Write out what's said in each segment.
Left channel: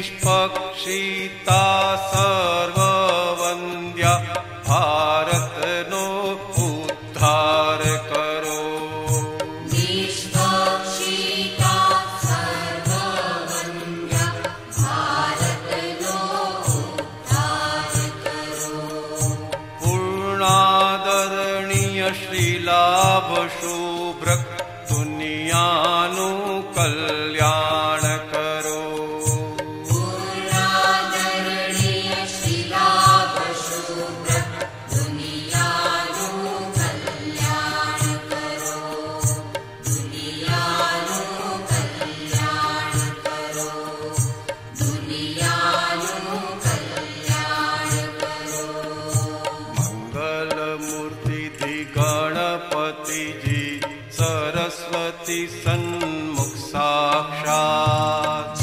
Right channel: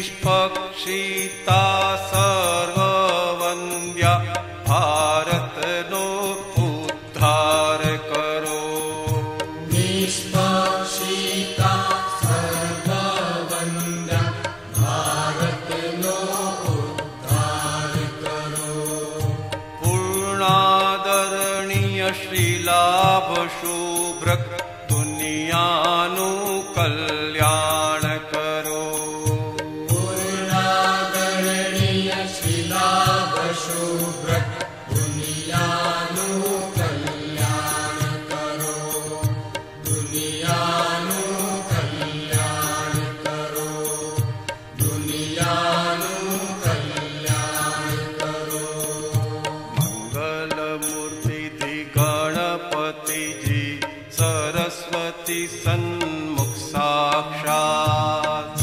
નિષ્પક્ષિતા સર્વવંદ્યા ભારતનો ઉદ્ધાર કરો. શ્રીલાભ શુભ્રક દુનિયાનું કલ્યાણ કરો. પૂર્ણાદરણીય શ્રીલાભ શુભ્રક દુનિયાનું કલ્યાણ કરો. દુનિયાનું કલ્યાણ કરો. દુનિયાનું કલ્યાણ કરો. મંગલ મૂર્તિ ગણપતિજી સરસ્વતી સન્મુખ સાક્ષાત.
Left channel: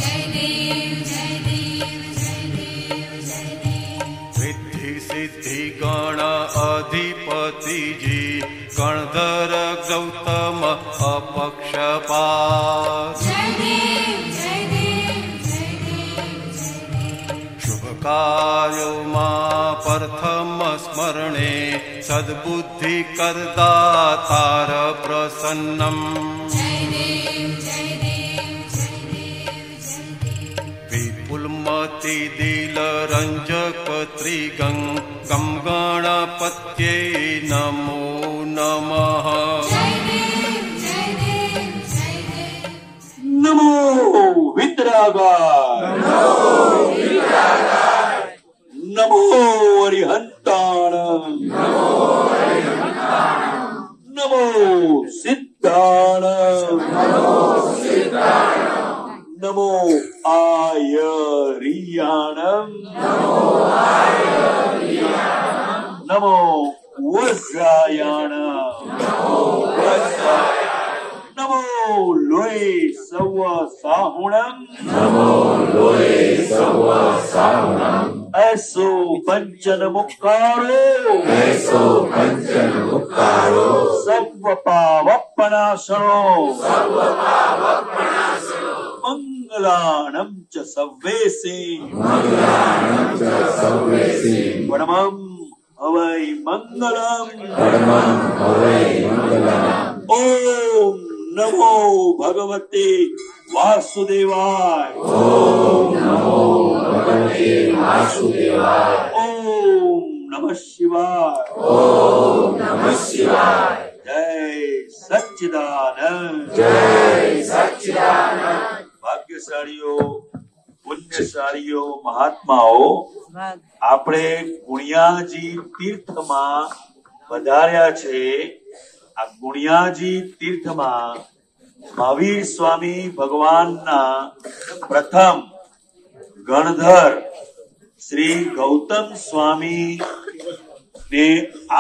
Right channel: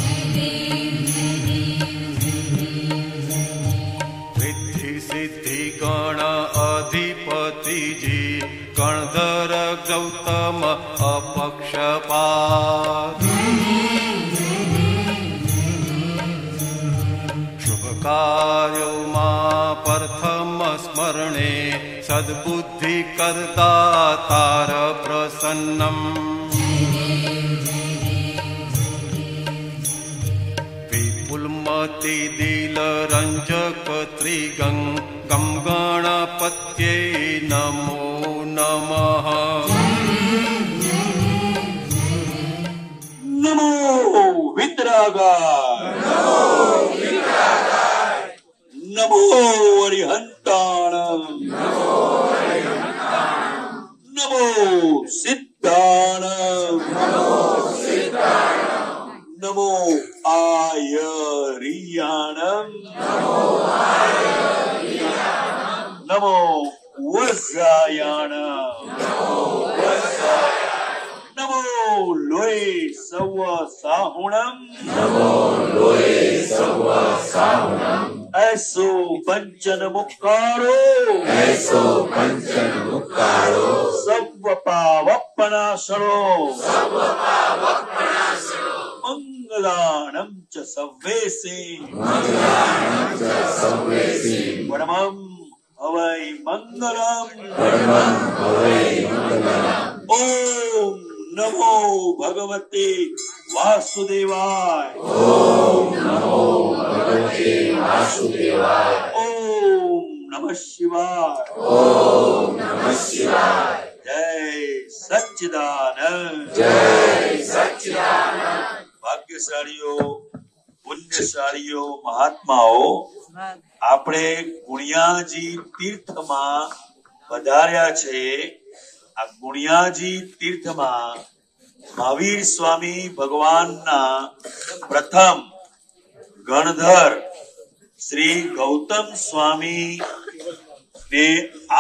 રિદ્ધિ સિદ્ધિ ગણ અધિપતિજી ગણધર ગૌતમ અપક્ષપાત. શુભ કાર્યોમાં પ્રથમ સ્મરણે સદબુદ્ધિ કરદાતાર પ્રસન્નમ. વિપુલમતિ દિલ રંજક ત્રિગંગ ગમ ગણપત્યે નમો નમઃ. નમો વિતરાગાય. નમો અરિહંતાણ. નમો સિદ્ધાણ. નમો આયરિયાણ. નમો વજ્રાયાણ. નમો લોય સવ સાહુણમ. એસો પંચન મુક્કારો. સર્વ પાવપનાશનો. મંગલાણમ ચ સવ્વેસે. પરમં હવૈ મંગલમ. ઓમ નમો ભગવતે વાસુદેવાય. ઓમ નમઃ શિવાય. જય સચ્ચિદાનંદ. ભાગ્યશાળીઓ, પુણ્યશાળીઓ, મહાત્માઓ, આપણે ગુણિયાજી તીર્થમાં પધાર્યા છે. આ ગુણિયાજી તીર્થમાં મહાવીર સ્વામી ભગવાનના પ્રથમ ગણધર શ્રી ગૌતમ સ્વામી ને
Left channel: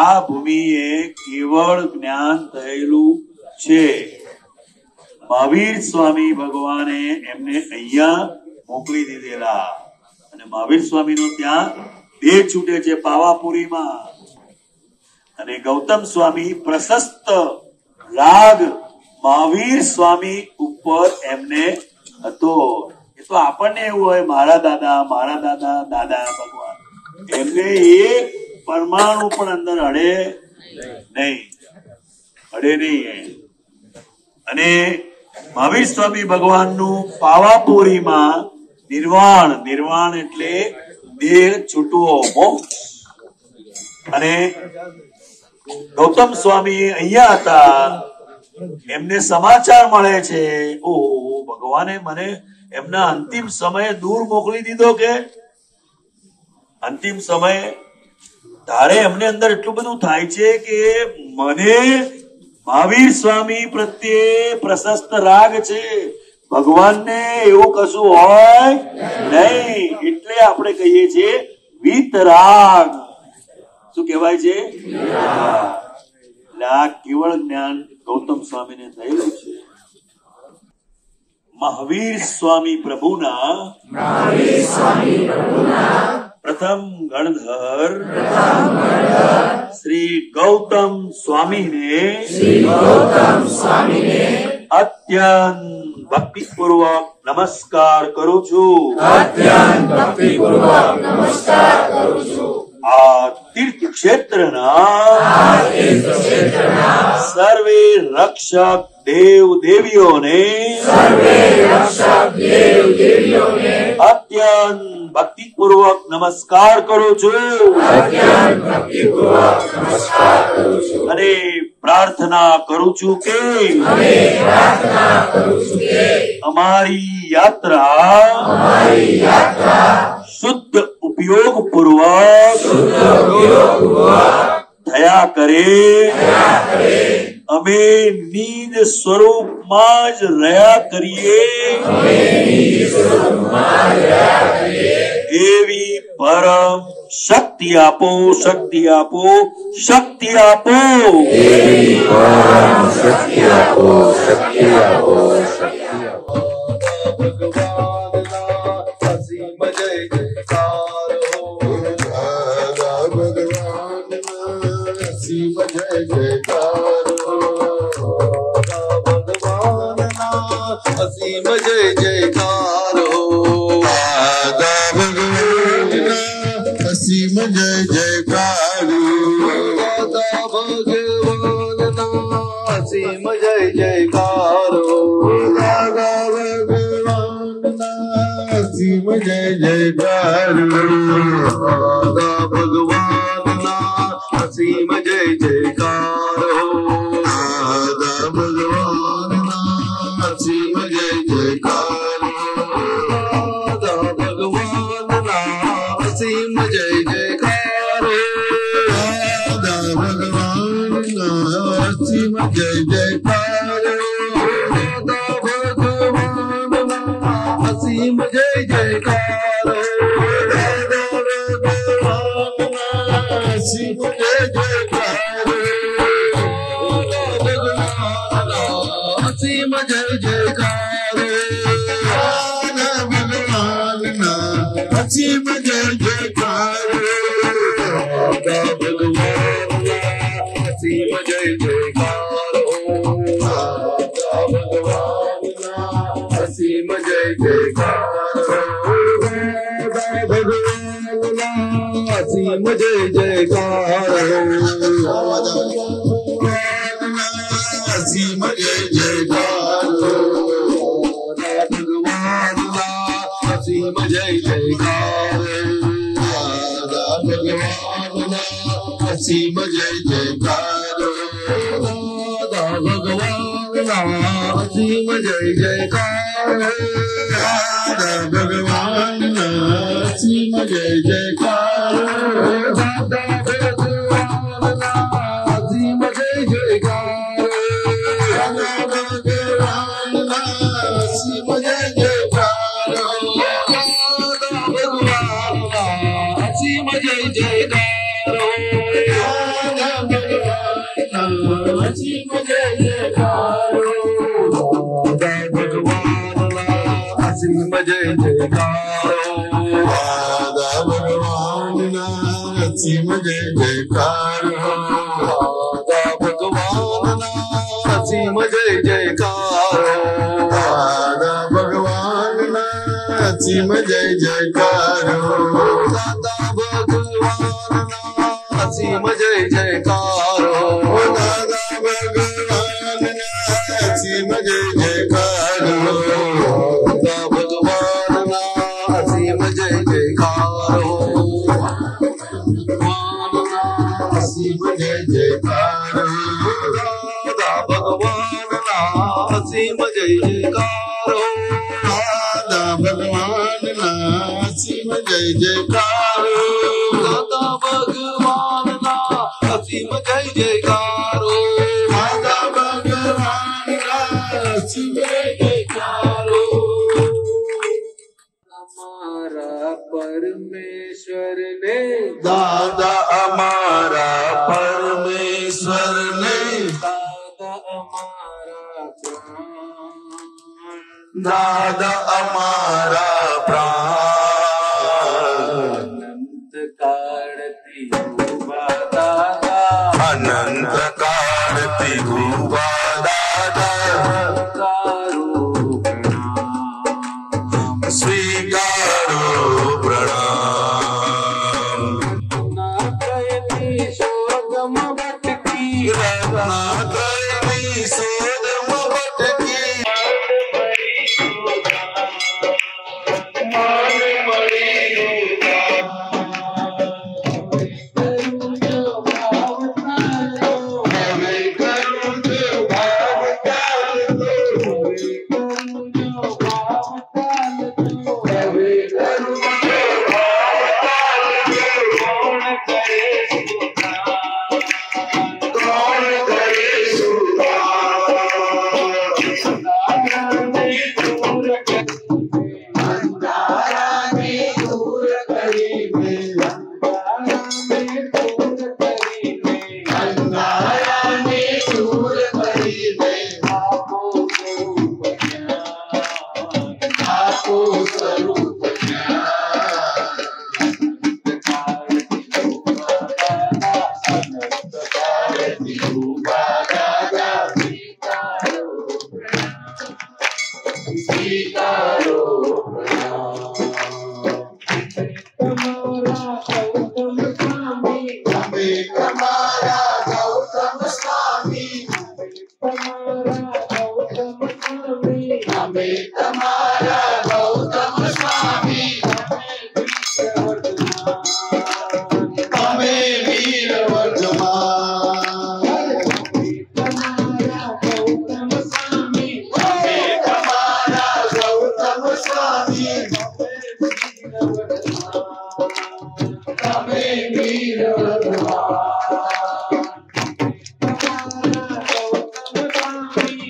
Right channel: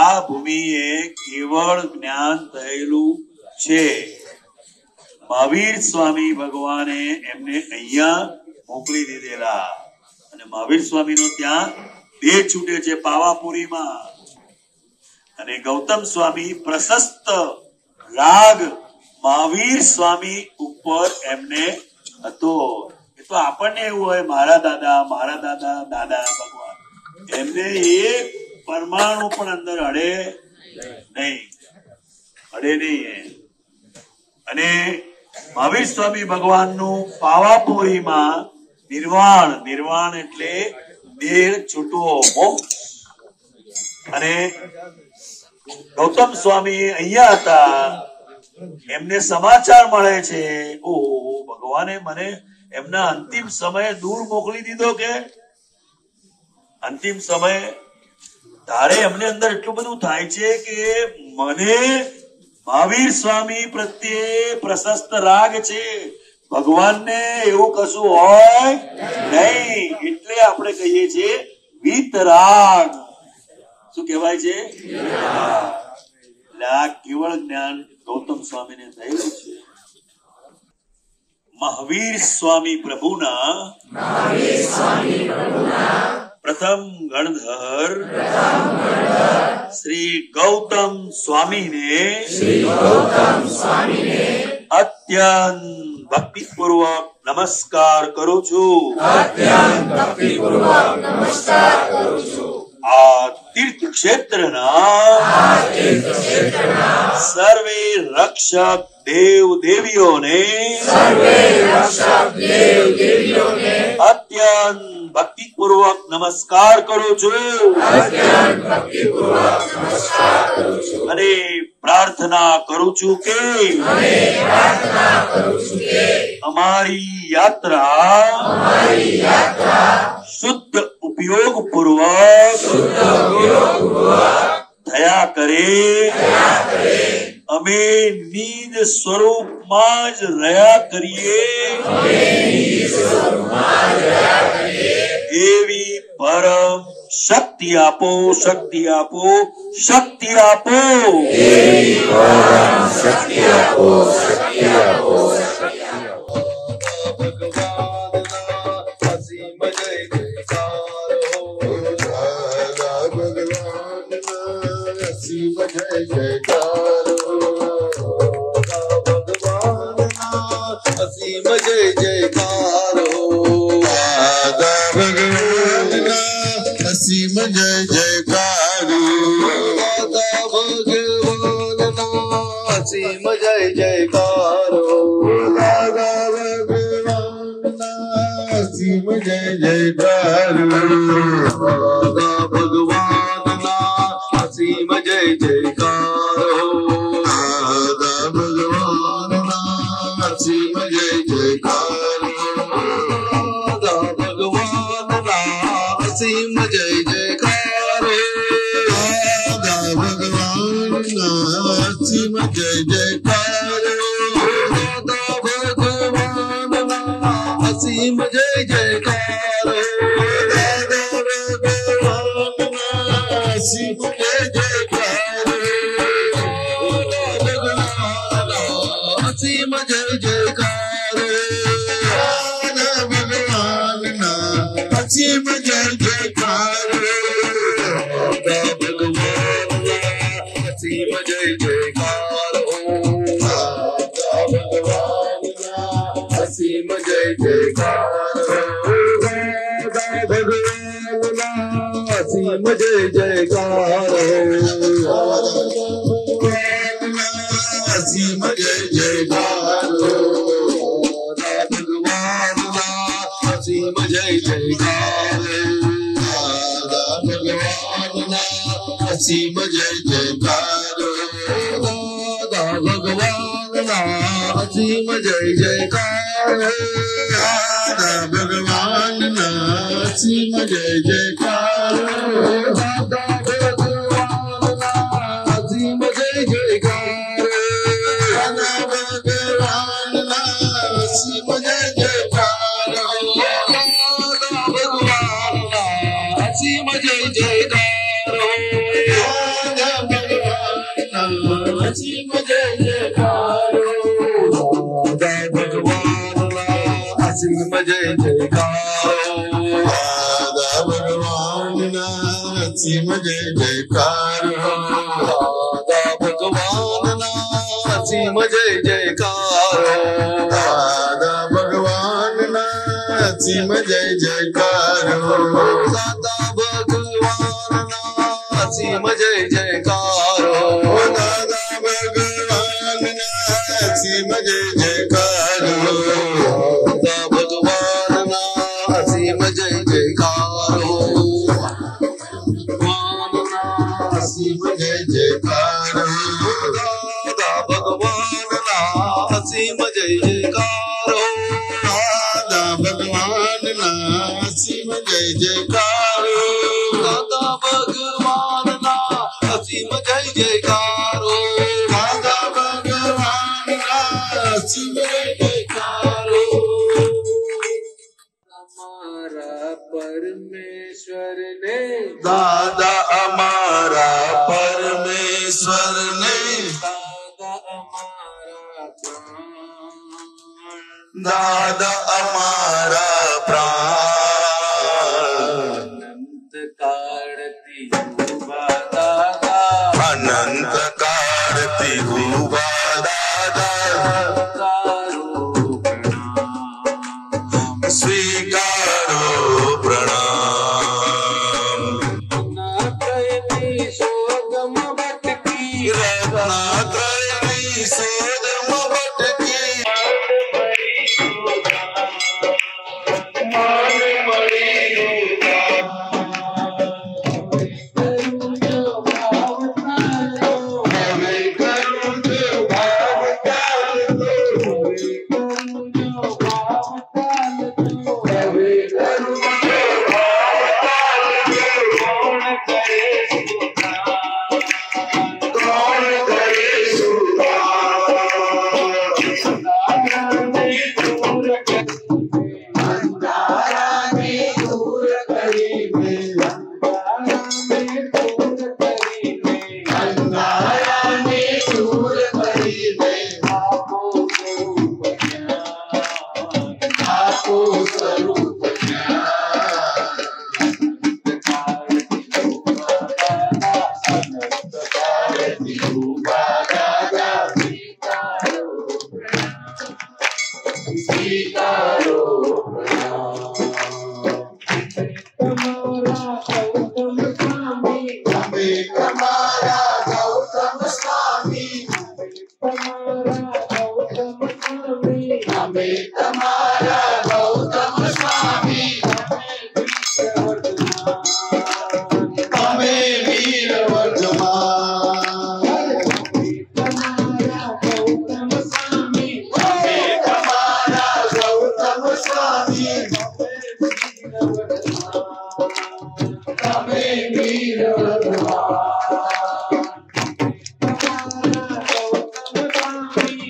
આ ભૂમિએ કેવળ જ્ઞાન થયેલું છે. મહાવીર સ્વામી ભગવાને એમને અહીંયા મોકલી દીધેલા અને મહાવીર સ્વામી નું ત્યાં બે છૂટે છે પાવાપુરીમાં. અને ગૌતમ સ્વામી પ્રશસ્ત રાગ મહાવીર સ્વામી ઉપર એમને હતો. એ તો આપણને એવું હોય મારા દાદા દાદા ભગવાન, એમને એક પરમાણુ પણ અંદર અડે નહીં. અને મહાવીર સ્વામી ભગવાનનું પાવાપુરીમાં નિર્વાણ એટલે દેહ છૂટવો, મોક્ષ. અને ગૌતમ સ્વામી અહીંયા હતા. એમને સમાચાર મળે છે, ઓહો, ભગવાને મને એમના અંતિમ સમયે દૂર મોકલી દીધો. કે અંતિમ સમય તારે એમને અંદર એટલું બધું થાય છે કે મને મહાવીર સ્વામી પ્રત્યે પ્રશસ્ત રાગ છે, ભગવાનને એવું કશું હોય નહીં. એટલે આપણે કહીએ છીએ વિતરાગ. શું કહેવાય છે? એટલે આ કેવળ જ્ઞાન ગૌતમ સ્વામીને થયેલું છે. મહાવીર સ્વામી પ્રભુના પ્રથમ ગણધર શ્રી ગૌતમ સ્વામીને અત્યંત ભક્તિપૂર્વક નમસ્કાર કરું છું. અત્યંત ભક્તિપૂર્વક નમસ્કાર કરું છું. આ તીર્થ ક્ષેત્રના સર્વે રક્ષક દેવ દેવીઓને અત્યંત ભક્તિપૂર્વક નમસ્કાર કરું છું. અને પ્રાર્થના કરું છું કે અમારી યાત્રા શુદ્ધ ઉપયોગ પૂર્વક થયા કરે. અમે નિજ સ્વરૂપમાં જ રહ્યા કરીએ એવી પરમ શક્તિ આપો, શક્તિ આપો, શક્તિ આપો. અસીમ જય જયકાર હો દાદા ભગવાનના અસીમ જય જયકાર દાદા ભગવાનના અસીમ જય જયકાર હો દાદા ભગવાનના અસીમ જય જયકાર દાદા ભગવાનના અસીમ જય જયકાર હો દાદા ભગવાનના અસીમ જય જયકાર દાદા ભગવાનના અસીમ જય જયકાર દાદા ભગવાનના અસીમ જય જયકાર દાદા ભગવાનના અસીમ જય જયકાર દાદા ભગવાનના અસીમ જય જયકાર અસીમ જય જયકાર દાદા ભગવાનના અસીમ જય જયકાર દાદા ભગવાનના અસીમ જય જયકાર દાદા ભગવાનના અસીમ જય જયકાર દાદા ભગવાનના અસીમ જય જયકાર અસીમ જય જયકાર દાદા ભગવાનના અસીમ જય જયકાર દાદા ભગવાનના અસીમ જય જયકાર દાદા ભગવાનના અસીમ જય જયકાર દાદા ભગવાનના અસીમ જય જયકાર દાદા ભગવાનના અસીમ જય જયકાર અસીમ જય જયકાર દાદા ભગવાનના અસીમ જય જયકાર દાદા ભગવાનના અસીમ જય જયકાર દાદા ભગવાનના અસીમ જય જયકાર દાદા ભગવાનના અસીમ જય જયકાર દાદા ભગવાનના અસીમ જય જયકાર દાદા ભગવાનના અસીમ જય જયકાર દાદા ભગવાનના અસીમ જય જયકાર દાદા ભગવાનના અસીમ જય જયકાર દાદા ભગવાનના અસીમ જય જયકાર ભગવાનના અસીમ જય જયકાર દાદા ભગવાનના અસીમ જય જયકાર દાદા ભગવાનના અસીમ જય જયકાર દાદા ભગવાનના અસીમ જય જયકાર દાદા ભગવાનના અસીમ જય જયકાર અમારા પરમેશ્વરને દાદા અમારા પરમેશ્વર तुम्हारा गौतम स्वामी हमें तुम्हारा गौतम स्वामी हमें वीर वर्धमान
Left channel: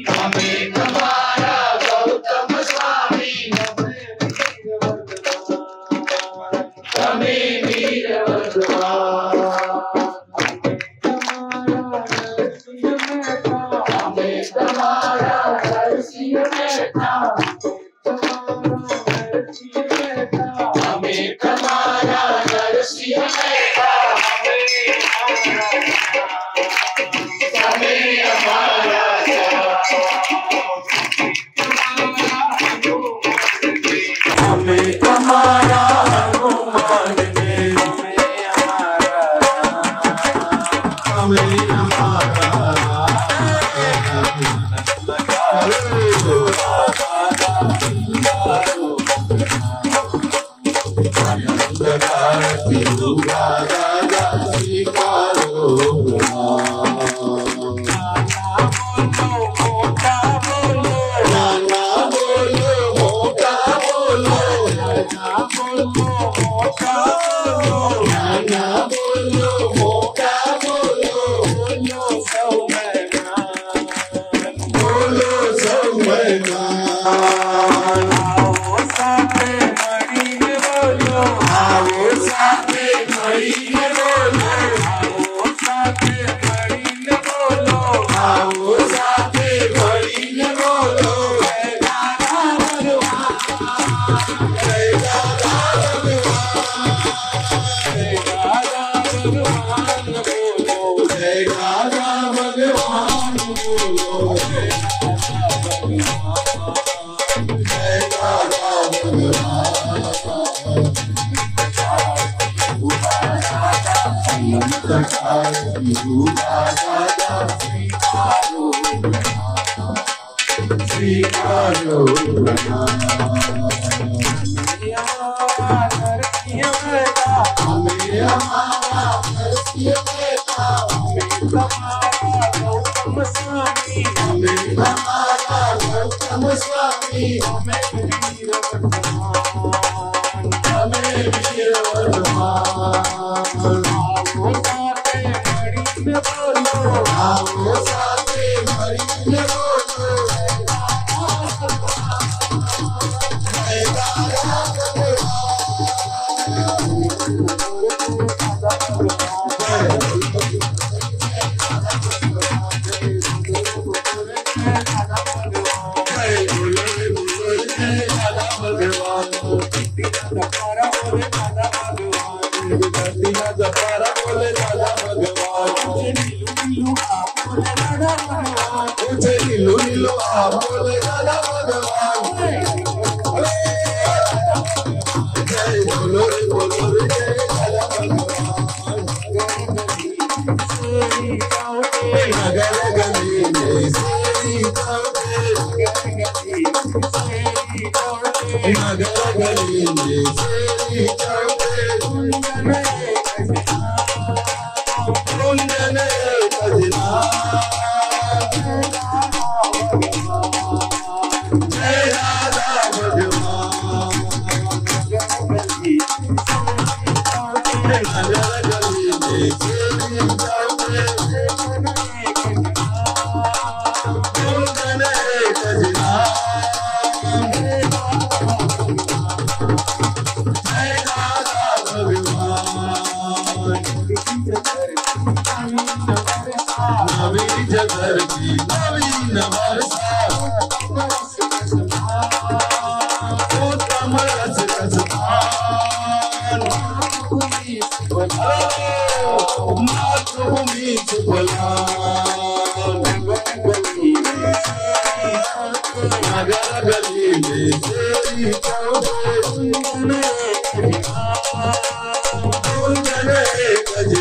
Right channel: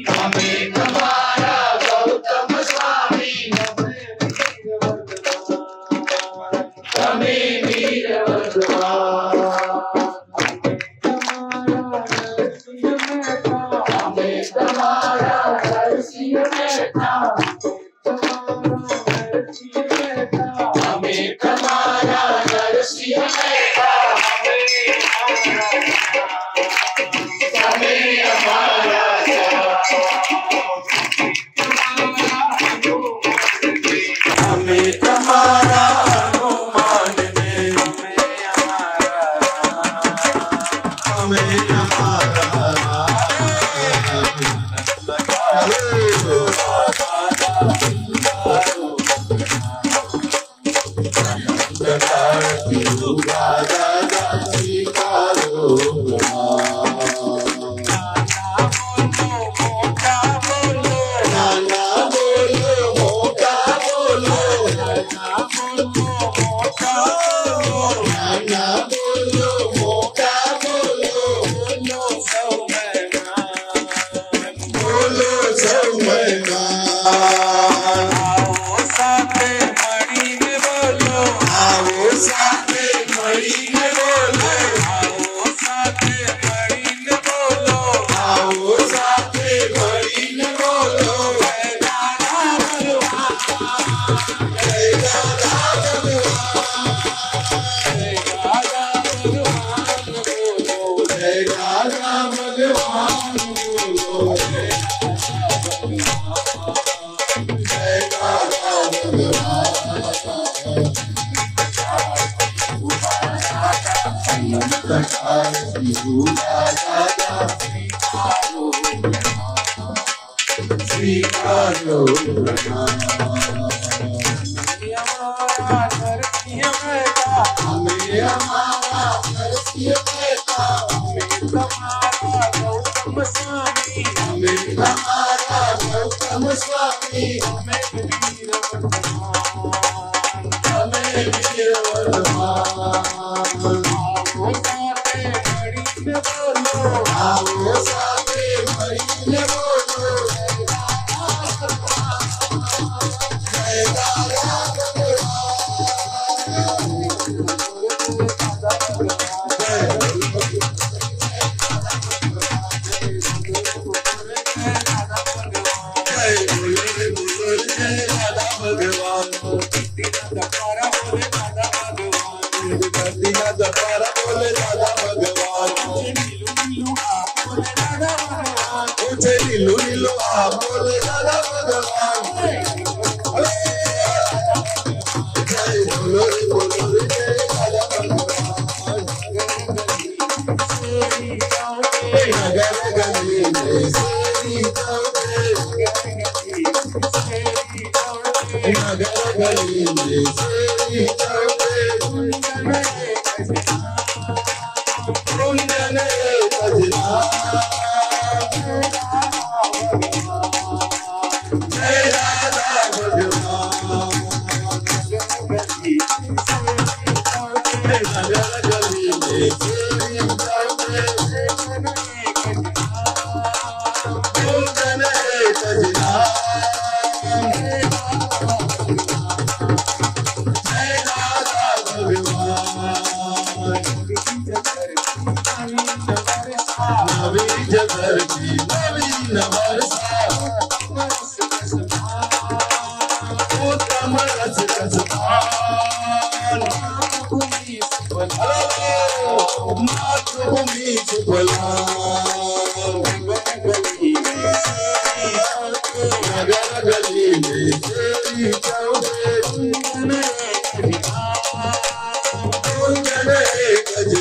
हमें तुम्हारा गौतम स्वामी हमें वीर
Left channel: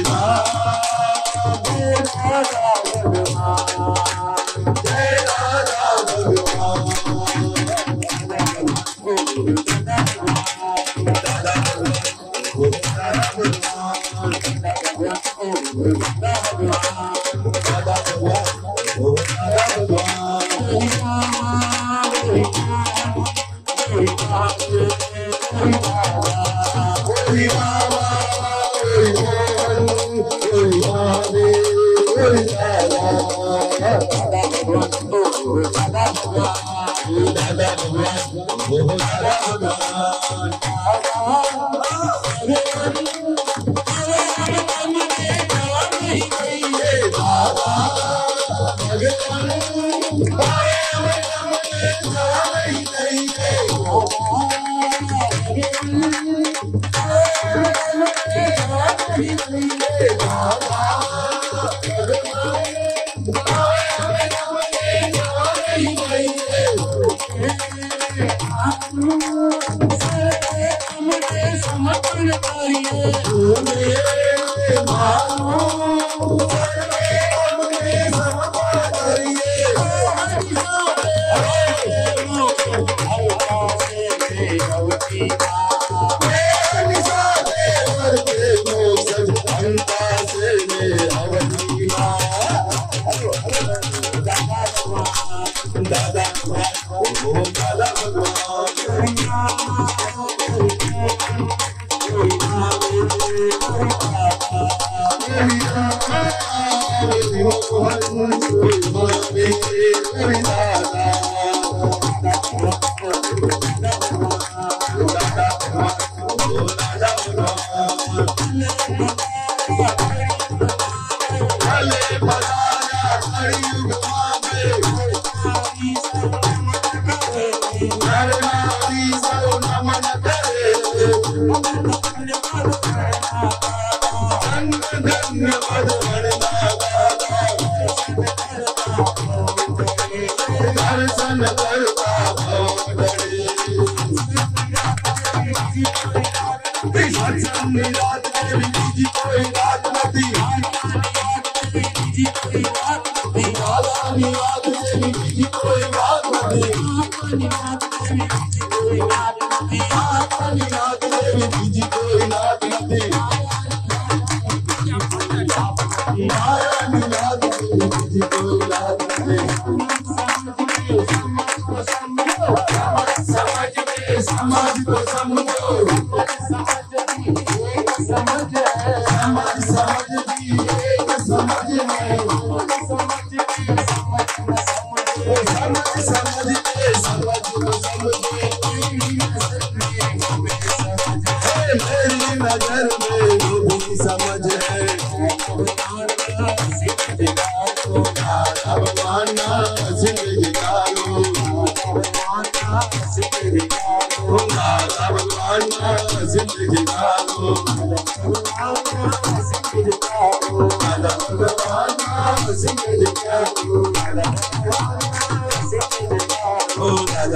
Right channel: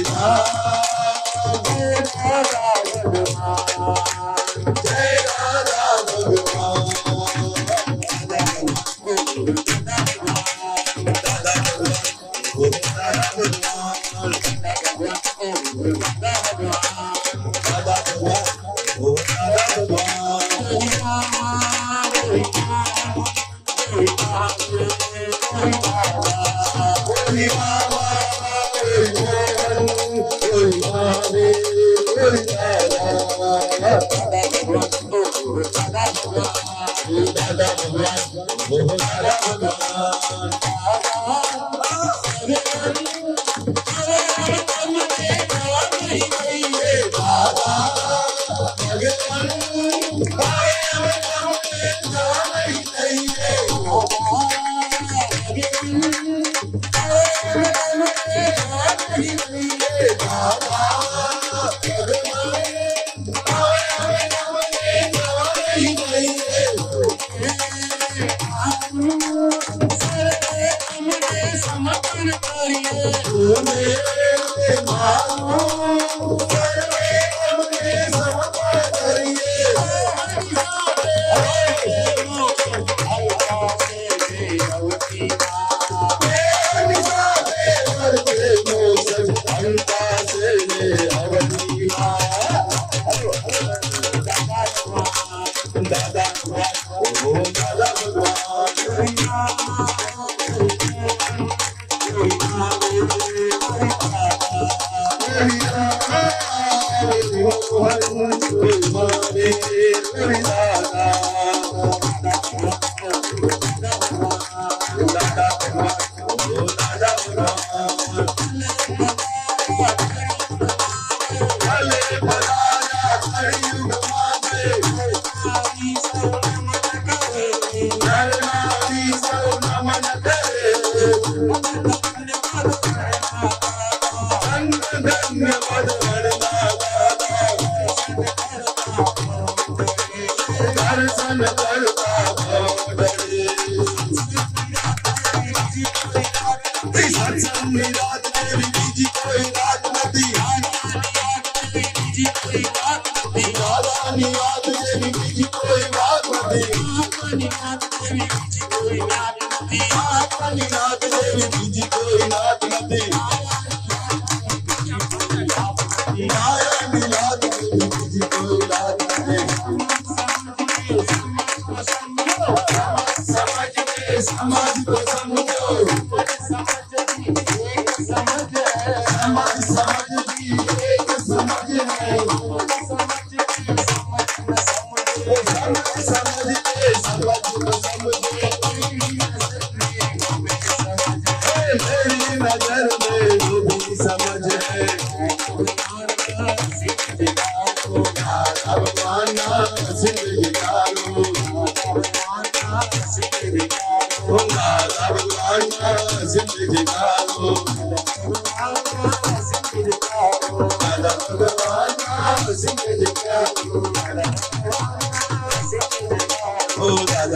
Jai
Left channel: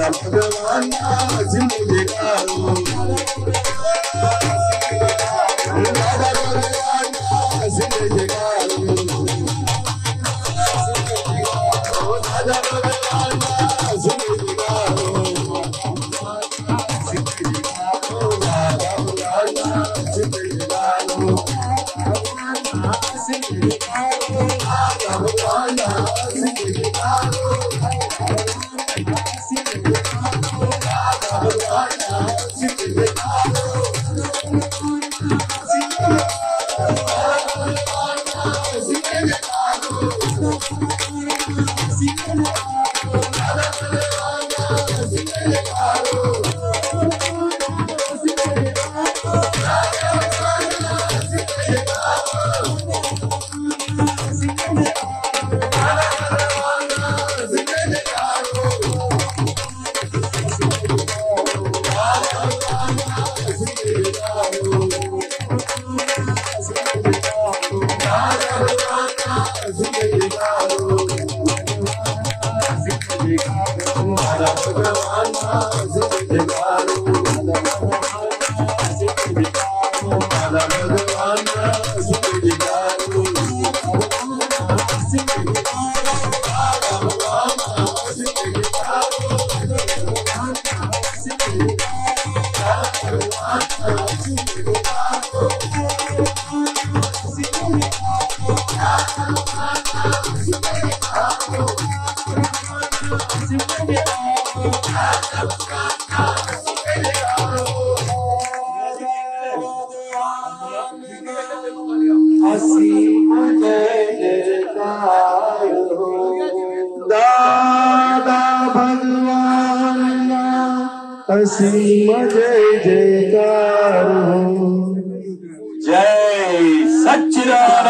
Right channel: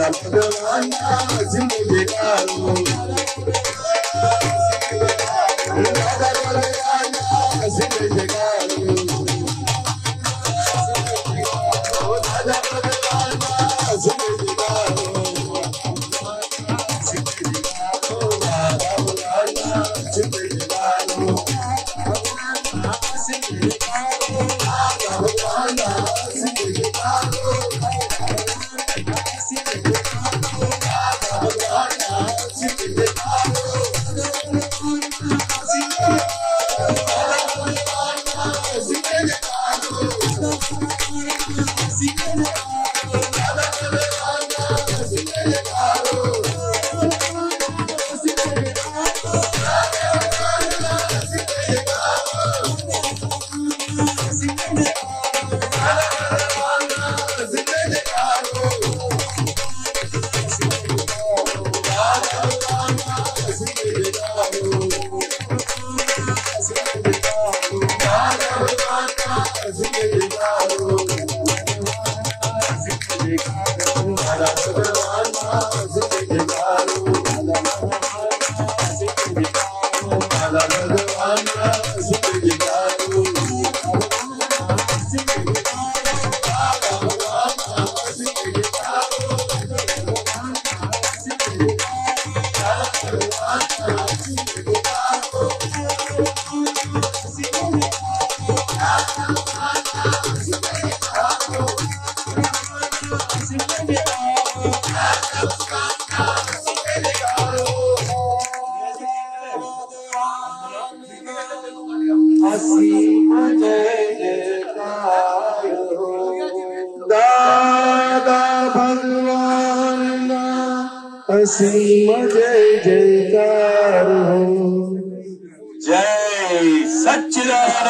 Bhagwan સિંહ જય જયકાર હો. જય સચ્ચિદાનંદ.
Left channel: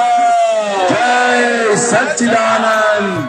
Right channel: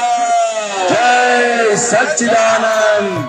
જય સચ્ચિદાનંદ.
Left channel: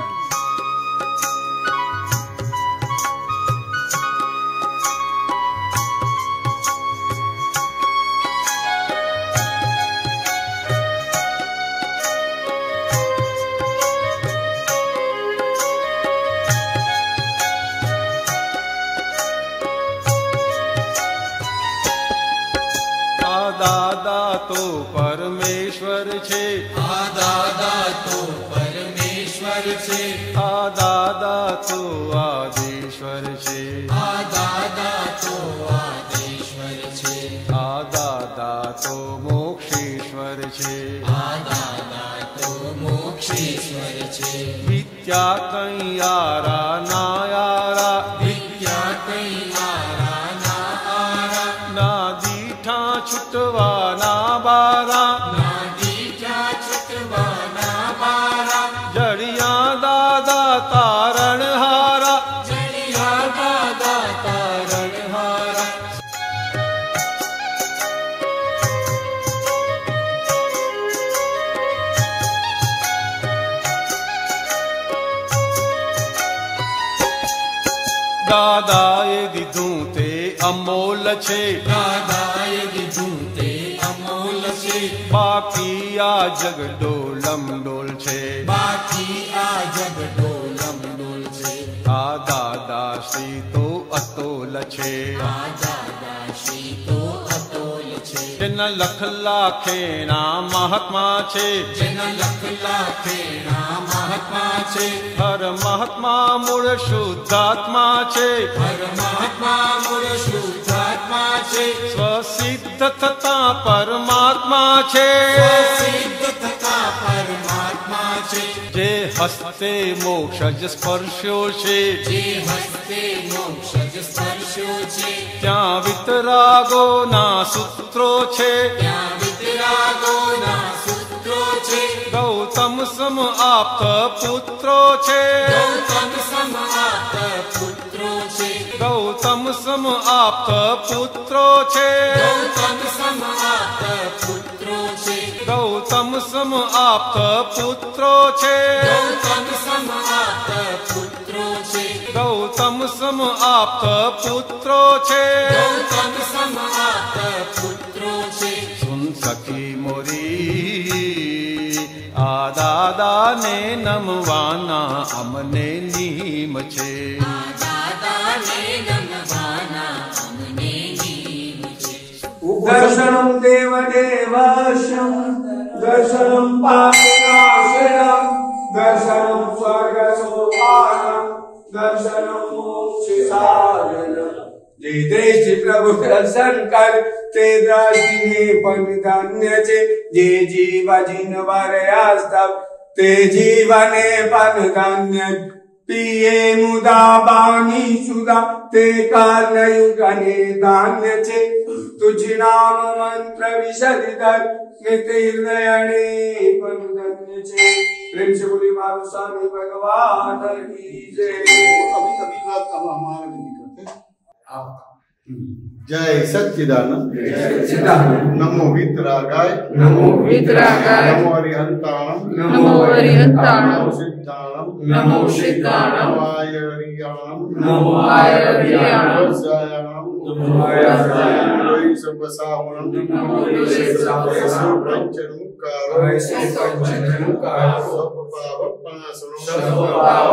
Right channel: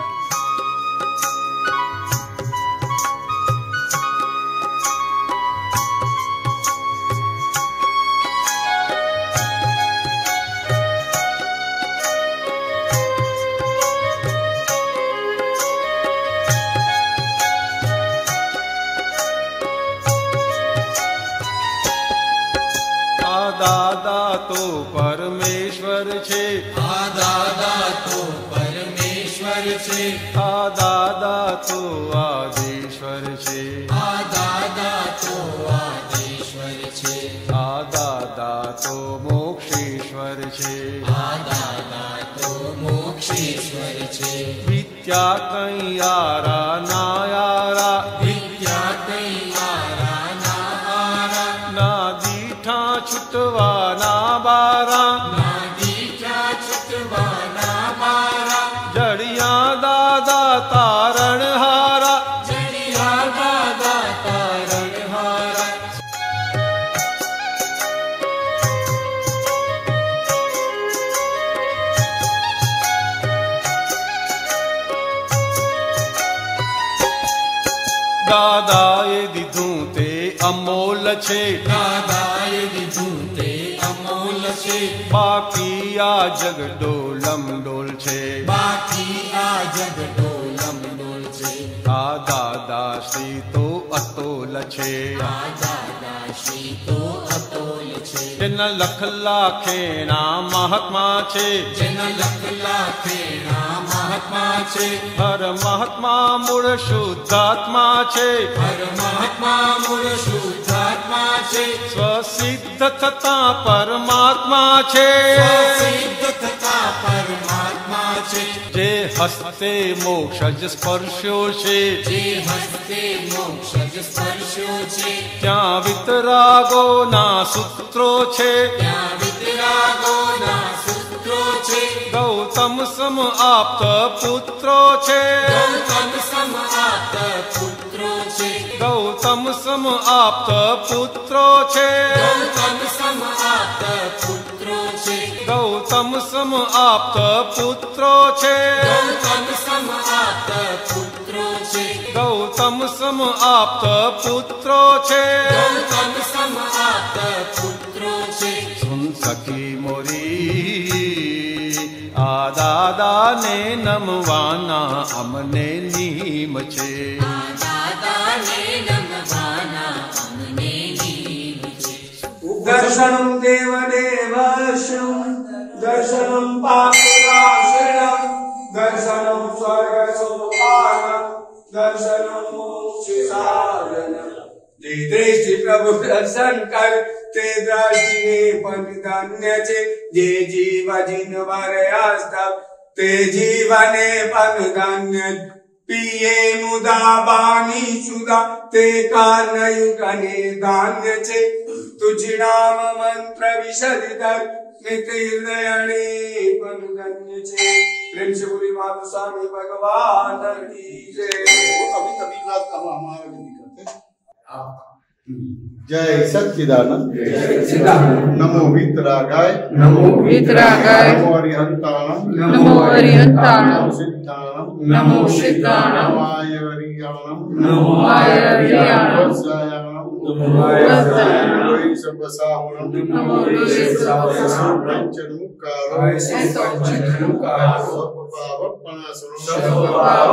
દાદા તો પરમેશ્વર છે, આ દાદા તો પરમેશ્વર છે, આ દાદા તો આદેશ્વર છે, આ દાદા તો આદેશ્વર છે, આ દાદા તો મોક્ષેશ્વર છે, આ દાદા તો મોક્ષેશ્વર છે. વિદ્યા કઈ યારા ના યારા, વિદ્યા કઈ આરા ના આરા, ના દીઠા છૂટવાના બારા, ના દીઠા છૂટવાના બારા, જડિયા દાદા તારણ હારા, જડિયા દાદા તારણ હારા. દાદાએ દીધું તે અમોલ છે, દાદાએ દીધું તે અમોલ છે, બાકી આ જગ ડોલમ ડોલ છે, બાકી આ જગ ડોલમ ડોલ છે. આ દાદા શ્રી તો અતોલ છે, આ દાદા શ્રી તો અતોલ છે, જેના લખ લાખેના મહાત્મા છે, જેના લખ લાખેના મહાત્મા છે, હર મહાત્મા મૂળ શુદ્ધાત્મા છે, હર મહાત્મા મૂળ શુદ્ધાત્મા છે, સ્વસિદ્ધ થતા પરમાત્મા છે, સિદ્ધ થતા પરમાત્મા છે, જે હસ્તે મોક્ષ જ સ્પર્શ્યો છે, જે હસ્તે મોક્ષ જ સ્પર્શ્યો છે, ત્યાં વિતરાગોના સૂત્રો છે, ત્યાં વિતરાગોના સૂત્રો છે, ગૌતમ સમ આપ્ત પુત્રો છે, ગૌતમ સમ આપ્ત પુત્રો છે, ગૌતમ સમ આપ્ત પુત્રો છે, ગૌતમ સમ આપ્ત પુત્રો છે, ગૌતમ સમ આપ્ત પુત્રો છે, ગૌતમ સમ આપ્ત પુત્રો છે, ગૌતમ સમ આપ્ત પુત્રો છે, ગૌતમ સમ આપ્ત પુત્રો છે. સુન સખી મોરી આ દાદાને નમવાના અમને નીમ છે, આ દાદાને નમવાના અમને નીમ છે. દર્શનમ દેવદેવસ્યમ દર્શનમ પાપનાશયમ દર્શનમ સ્વર્ગ સોપાનમ દર્શનમ મોક્ષસાધનમ. જે દ્રષ્ટિ પ્રભુ દર્શન કર તે દ્રષ્ટિને પણ ધન્ય છે, જે જીવ જીનવર આસ્થા તે જીવને પણ ધન્ય. પિયે મુદા બાની સુદા તે કારણયુગને ધાન્ય છે, તુજ નામ મંત્ર વિશદિધર નિત હૃદયને પણ ધન્ય છે. પ્રેમ से बोली माधव स्वामी भगवान की जय. अभी कभी बात अब हमारा नहीं करते. जय सच्चिदानंद. नमो वितरागाय. नमो वितरागाय. नमो अरिहंताणम. नमो अरिहंताणम. नमो सिद्धाणम. नमो सिद्धाणम. नमो आयरियाणम. नमो आयरियाणम. वत्सायाणम. नमो वत्सायाणम. नमो ईशवसावणम. नमो ईशवसावणम. पंचमुखारो. पंचमुखारो. सर्वपावपणासनो.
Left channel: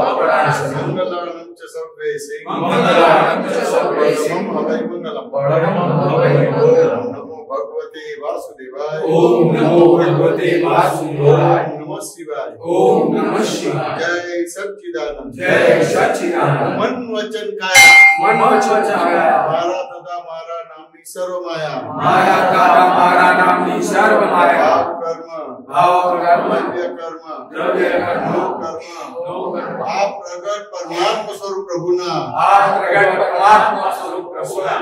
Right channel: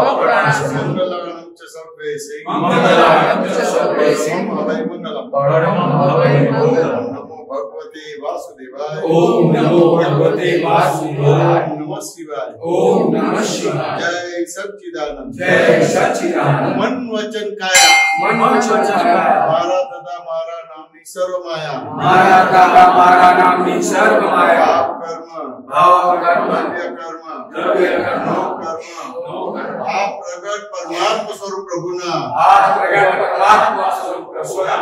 मंगलाणं च सर्वेशे. मंगलाणं च सर्वेशे. परमं हवै मंगलम्. परमं हवै मंगलम्. नमो भगवते वासुदेवाय. ओम नमो भगवते वासुदेवाय. ओम नमः शिवाय. ओम नमः शिवाय. जय सच्चिदानंद. जय सच्चिदानंद. मन वचन काया. मन वचन काया. मारा तथा मारा नामनी सर्व माया. मारा तथा मारा नामनी सर्व माया. भाव कर्म. द्रव्य कर्म. नो कर्म. आप प्रगट परमात्मा स्वरूप प्रभुना. आप प्रगट परमात्मा स्वरूप प्रभुना.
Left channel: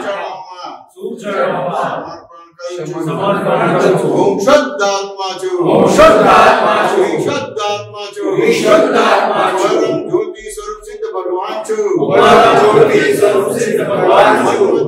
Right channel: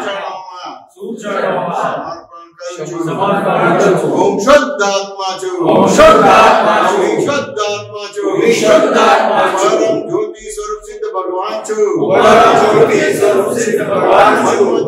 समर्पण समर्पण करू છું. ओम शुद्धात्मा छु. ओम शुद्धात्मा छु. शुद्धात्मा छु. शुद्धात्मा छु. परम ज्योति स्वरूप सिद्ध भगवान छु. परम ज्योति स्वरूप सिद्ध भगवान छु.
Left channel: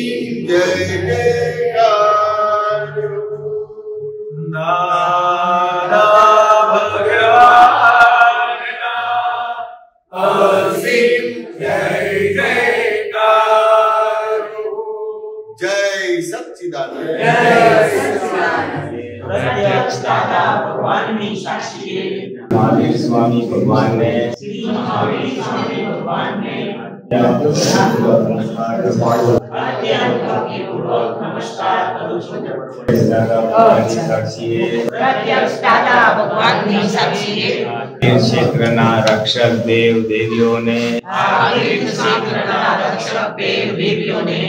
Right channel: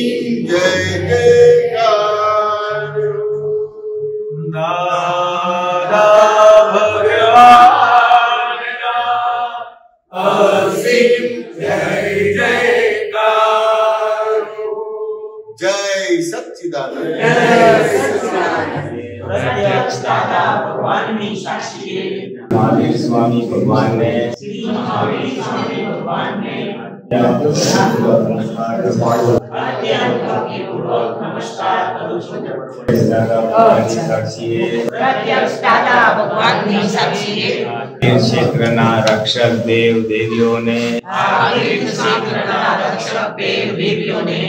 દાદા ભગવાનના અસીમ જય જયકાર. જય સચ્ચિદાનંદ. પ્રત્યક્ષ દાદા ભગવાનની સાક્ષી મહાવીર સ્વામી ભગવાનને શ્રી મહાવીર સ્વામી ભગવાનને અત્યંત ભક્તિપૂર્વક નમસ્કાર કરું છું. દાદા ભગવાનની સાક્ષીએ પ્રત્યક્ષ દાદા ભગવાનની સાક્ષી આ ક્ષેત્રના રક્ષક દેવ દેવીઓને આ ક્ષેત્રના રક્ષક દેવ દેવીઓને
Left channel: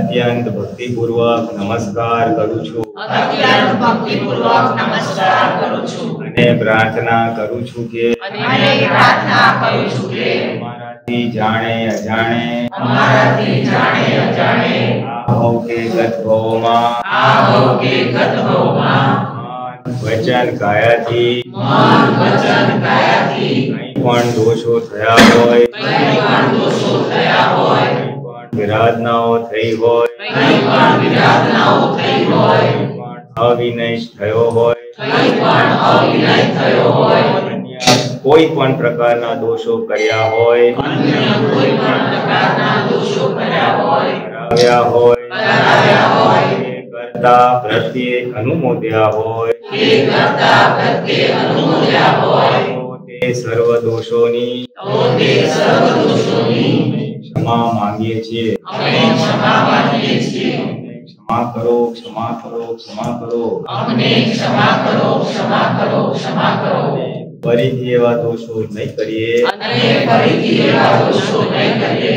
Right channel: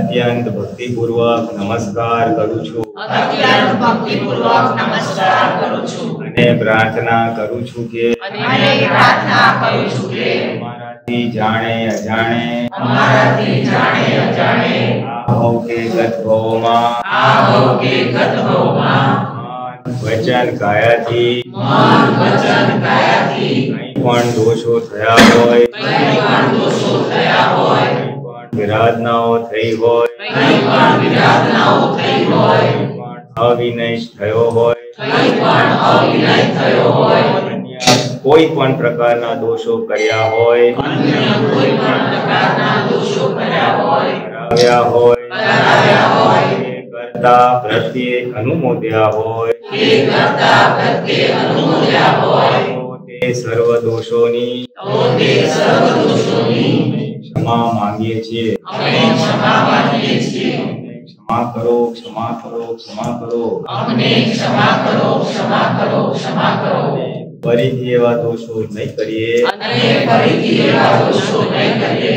અત્યંત ભક્તિપૂર્વક નમસ્કાર કરું છું અત્યંત ભક્તિપૂર્વક નમસ્કાર કરું છું અને પ્રાર્થના કરું છું કે અને પ્રાર્થના કરું છું કે અમારાથી જાણે અજાણે અમારાથી જાણે અજાણે આ ભવ કે ગત ભવોમાં આ ભવ કે ગત ભવમાં વચન કાયાથી મન વચન કાયાથી કંઈ પણ દોષો થયા હોય કંઈ પણ દોષો થયા હોય કંઈ પણ વિરાધનાઓ થઈ હોય કંઈ પણ વિરાધનાઓ થઈ હોય કંઈ પણ અવિનય થયો હોય કંઈ પણ અવિનય થયો હોય અન્ય કોઈ પણ પ્રકારના દોષો કર્યા હોય અન્ય કોઈ પણ પ્રકારના દોષો કર્યા હોય કરાવ્યા હોય કરાવ્યા હોય એ કરતા પ્રત્યે અનુમોદ્યા હોય કે કરતા પ્રત્યે અનુમોદ્યા હોય તો તે સર્વ દોષોની તો તે સર્વ દોષોની ક્ષમા માંગીએ છીએ અમે ક્ષમા માંગીએ છીએ. ક્ષમા કરો ક્ષમા કરો ક્ષમા કરો અમને ક્ષમા કરો ક્ષમા કરો ક્ષમા કરો ફરીથી એવા દોષો નહીં કરીએ અને ફરીથી એવા દોષો નહીં કરીએ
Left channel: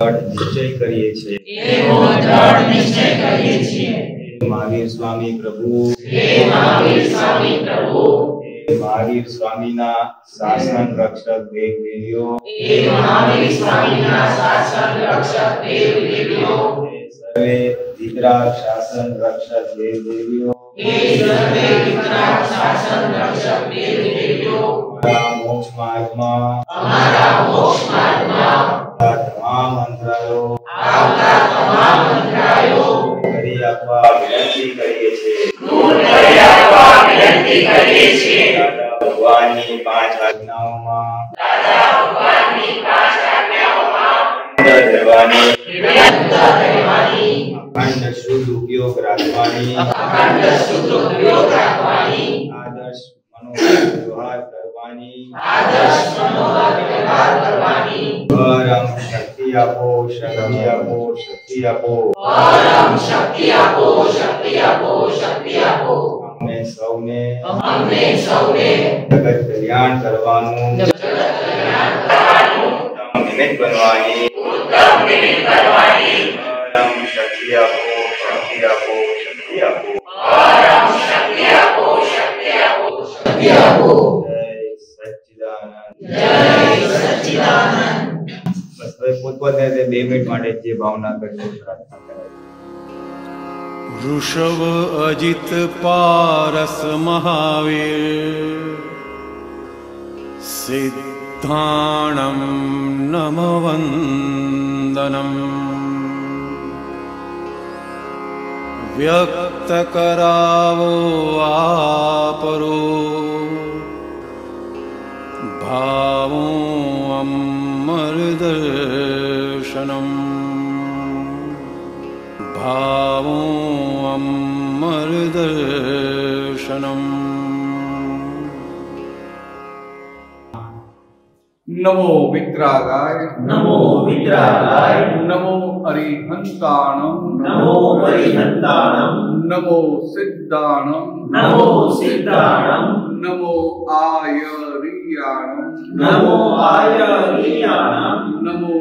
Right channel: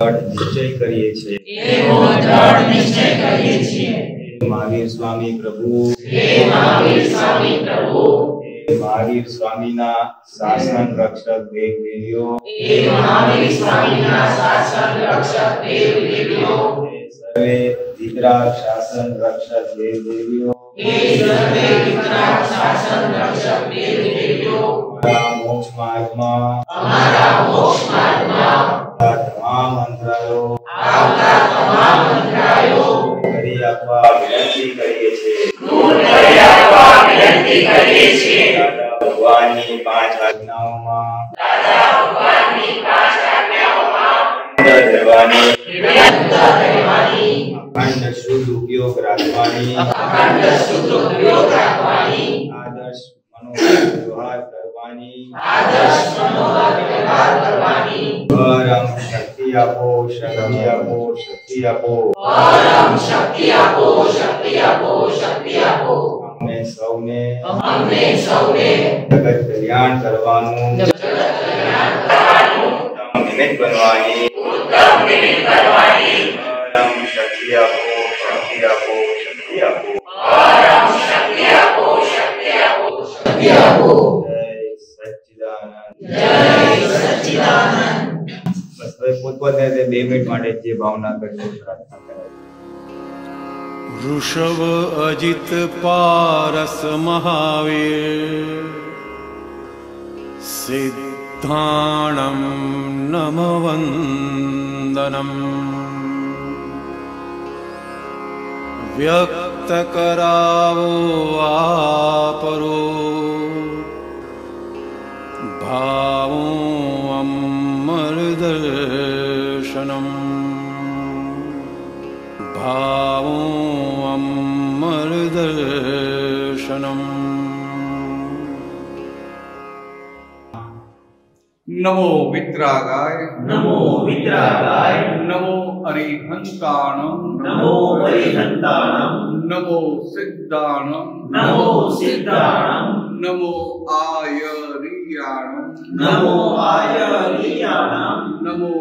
દ્રઢ નિશ્ચય કરીએ છીએ એવો દ્રઢ નિશ્ચય કરીએ છીએ. હે મહાવીર સ્વામી પ્રભુ હે મહાવીર સ્વામી પ્રભુ હે મહાવીર સ્વામીના શાસન રક્ષક દેવ દેવીઓ હે મહાવીર સ્વામીના શાસન રક્ષક દેવ દેવીઓ હે સર્વે વિતરાગ શાસન રક્ષક દેવ દેવીઓ હે સર્વે વિતરાગ શાસન રક્ષક દેવ દેવીઓ અમારા મોક્ષ માર્ગમાં અમારા મોક્ષ માર્ગમાં આવતા તમામ અંતરાયો આવતા તમામ અંતરાયો કરી આપવા વિનંતી કરીએ છીએ દૂર કરી આપવા વિનંતી કરીએ છીએ. દાદા ભગવાનની 5 આજ્ઞાઓમાં દાદા ભગવાનની 5 આજ્ઞાઓમાં અંદર રહેવાની નિરંતર રહેવાની અખંડ શુદ્ધ ઉપયોગ રાખવાની અખંડ શુદ્ધ ઉપયોગ રાખવાની આદર્શ મનોવ્યવહાર કરવાની આદર્શ મનોહર વ્યવહાર કરવાની પરમ શક્તિ આપો શક્તિ આપો શક્તિ આપો પરમ શક્તિ આપો શક્તિ આપો શક્તિ આપો અમને સૌને અમને સૌને જગત કલ્યાણ કરવાનું ઉત્તમ નિમિત્ત બનવાની ઉત્તમ નિમિત્ત કરવાની પરમ શક્તિ આપો શક્તિ આપો શક્તિ આપો પરમ શક્તિ આપો શક્તિ આપો શક્તિ આપો. જય સચ્ચિદાનંદ. જય સચ્ચિદાનંદ. બસ હવે પોતપોતે 2 મિનિટ માટે જે ભાવના કરજો પ્રાર્થના કરાય. वृषभ अजित पारस महावीर सिद्धाणं नमवन्दनं व्यक्त करावो आपरो भावो अमरदर्शनम् भावो अमरदर्शनम्. નમો વિતરાગાય નમો વિતરાગાય નમો અરિહંતાણમ નમો અરિહંતાણમ નમો સિદ્ધાણમ નમો સિદ્ધાણમ નમો આયરિયાણમ નમો આયરિયાણમ નમો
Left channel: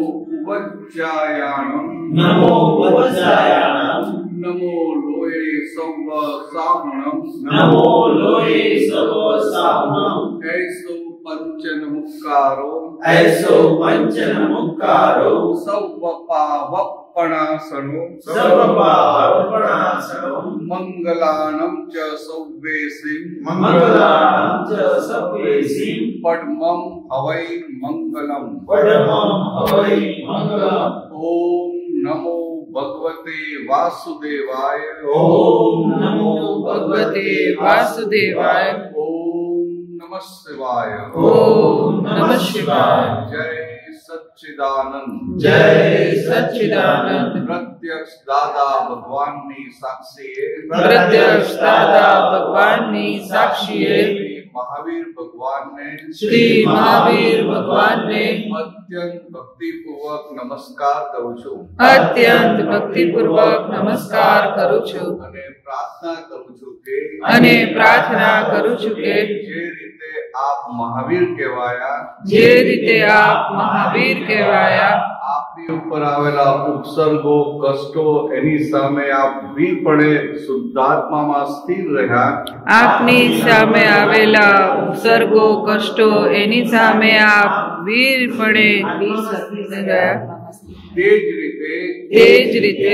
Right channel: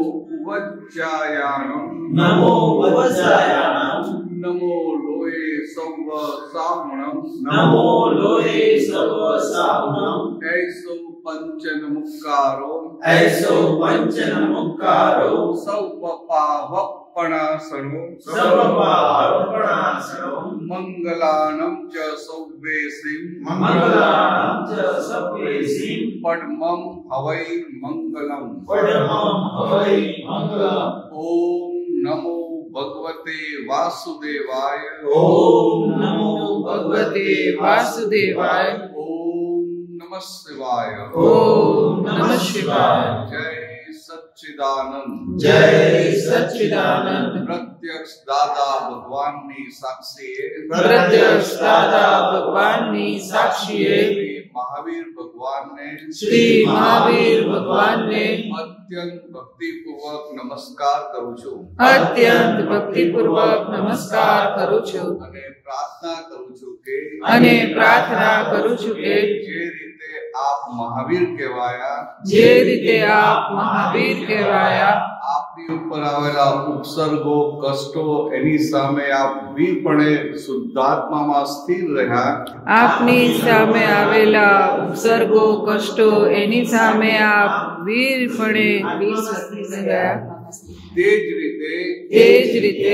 વજ્જાયાણમ નમો વજ્જાયાણમ નમો લોય સૌવ સાહણમ નમો લોય સર્વ સાહણમ એસો પંચન મુક્કારો એસો પંચન મુક્કારો સૌવ પાવપણાસનો સર્વ પાવપણાસનો મંગલાનમ ચ સૌવેસિમ મંગલાનમ ચ સર્વેસિમ પડમમ હવૈ મંગલમ પડમમ હવૈ મંગલમ. ઓમ નમો भगवते वासुदेवाय। ओम नमो भगवते वासुदेवाय। ओम नमः शिवाय। ओम नमः शिवाय। जय सच्चिदानंद। जय सच्चिदानंद। प्रत्यक्ष दादा भगवान ની સાક્ષીએ प्रत्यक्ष दादा भगवान ની साक्षीએ શ્રી મહાવીર ભગવાન ને श्री महावीर भगवान ने અત્યંત ભક્તિપૂર્વક નમસ્કાર કરું છું अत्यंत भक्तिपूर्वक नमस्कार करू છું અને પ્રાર્થના કરું છું કે અને પ્રાર્થના કરું છું કે જે રીતે આપ મહાવીર કહેવાયા જે રીતે આપ મહાવીર કહેવાયા આપની ઉપર આવેલા ઉપસર્ગો કષ્ટો એની સામે આપ વીરપણે શુદ્ધાત્મામાં સ્થિર રહ્યા આપની સામે આવેલા ઉપસર્ગો કષ્ટો એની સામે આપ વીરપણે ગયા તે જ રીતે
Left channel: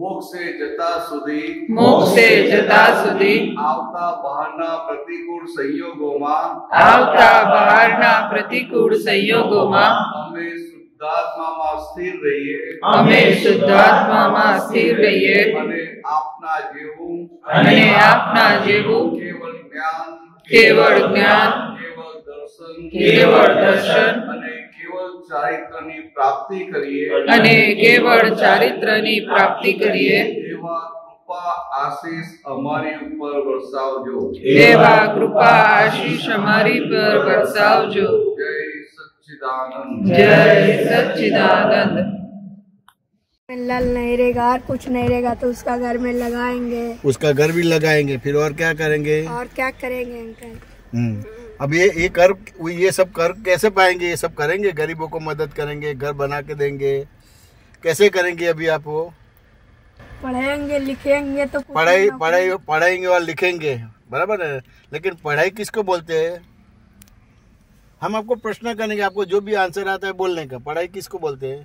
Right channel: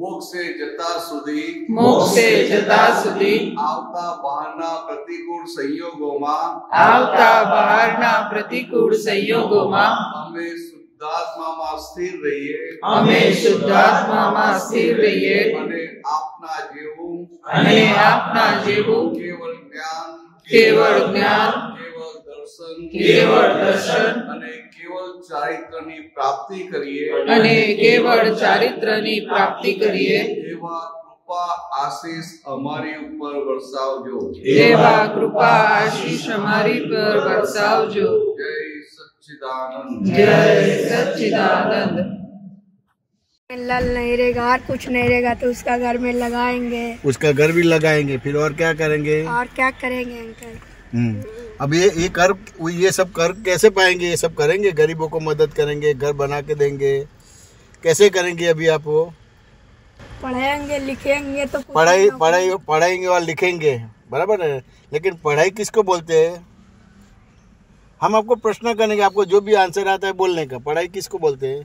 મોક્ષે જતા સુધી મોક્ષે જતા સુધી આવતા બહારના પ્રતિકૂળ સંયોગોમાં આવતા બહારના પ્રતિકૂળ સંયોગોમાં અમે શુદ્ધાત્મામાં સ્થિર રહીએ અમે શુદ્ધાત્મામાં સ્થિર રહીએ અને આપના જેવું અને આપના જેવું કેવળ જ્ઞાન કેવળ જ્ઞાન કેવળ દર્શન અને કેવળ ચારિત્રની પ્રાપ્તિ કરીએ અને કેવળ ચારિત્રની પ્રાપ્તિ કરીએ એવા કૃપા આશીષ અમારી ઉપર વરસાવજો એવા કૃપા આશીષ અમારી પર વરસાવજો જય સચ્ચિદાનંદ જય सच्चिदानंद। नल नहीं रहेगा और कुछ नहीं रहेगा तो उसका घर में लगाएंगे, उसका घर भी लगाएंगे, फिर और क्या करेंगे? और क्या करेंगे अंकल? अब ये कर ये सब कर कैसे पाएंगे? ये सब करेंगे, गरीबों को मदद करेंगे, घर बना के देंगे, कैसे करेंगे? अभी आप वो पढ़ाएंगे लिखेंगे तो पढ़ाएंगे और लिखेंगे, बराबर है। लेकिन पढ़ाई किसको बोलते हैं? हम आपको प्रश्न करेंगे, आपको जो भी आंसर आता है बोलने का। पढ़ाई किसको बोलते हैं?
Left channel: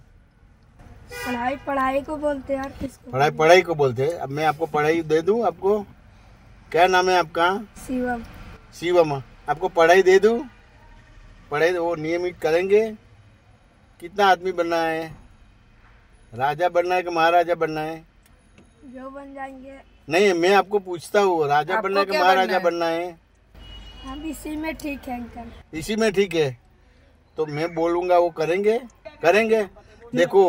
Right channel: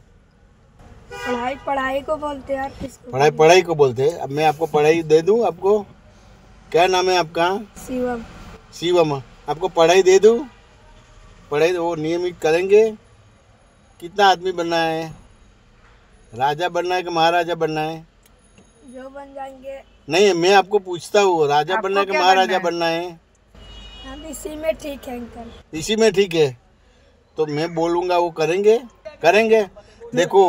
पढ़ाई को बोलते हैं। किसको? पढ़ाई को बोलते हैं। अब मैं आपको पढ़ाई दे दूं, आपको क्या नाम है आपका? शिवम। शिवम, आपको पढ़ाई दे दूं? पढ़ाई वो नियमित करेंगे। कितना आदमी बनना है? राजा बनना है कि महाराजा बनना है? जो बन जाएंगे। नहीं, मैं आपको पूछता हूँ, राजा बनना है कि महाराजा बनना है? हम इसी में ठीक है अंकल। इसी में ठीक है तो मैं बोलूंगा वो करेंगे। करेंगे। देखो,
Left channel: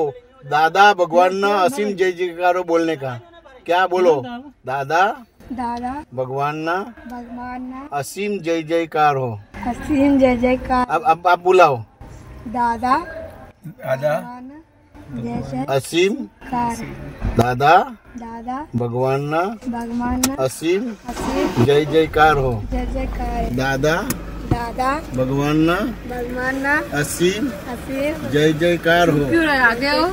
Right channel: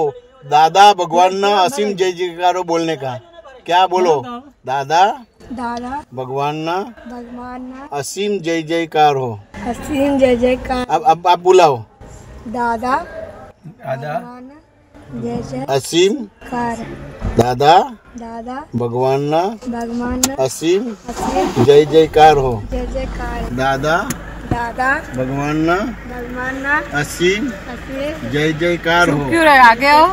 दादा भगवान ना असीम जय जयकारो बोलने का। क्या बोलो? दादा भगवान ना असीम जय जयकार हो। असीम जय जयकार। अब आप बुलाओ। दादा जय असीम कार। दादा भगवान ना असीम जय जयकार हो। जय जयकार। दादा भगवान ना असीम जय जयकार हो। क्यों रहे आगे हो?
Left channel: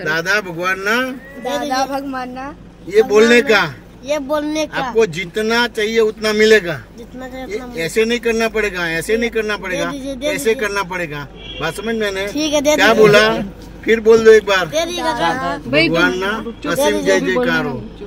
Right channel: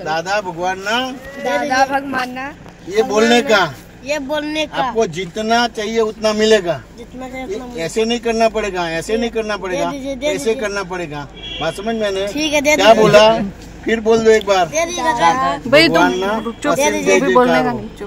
दादा भगवान ना ये बोलने का। आपको जितना चाहिए उतना मिलेगा। जितना चाहिए उतना ऐसे नहीं करना पड़ेगा, ऐसे नहीं करना पड़ेगा, ऐसे करना पड़ेगा। बात समझ मैंने? ठीक है, क्या बोला? फिर बोल दो एक बार। दे दीजिएगा। भगवान ना असीम जय जयकार हो।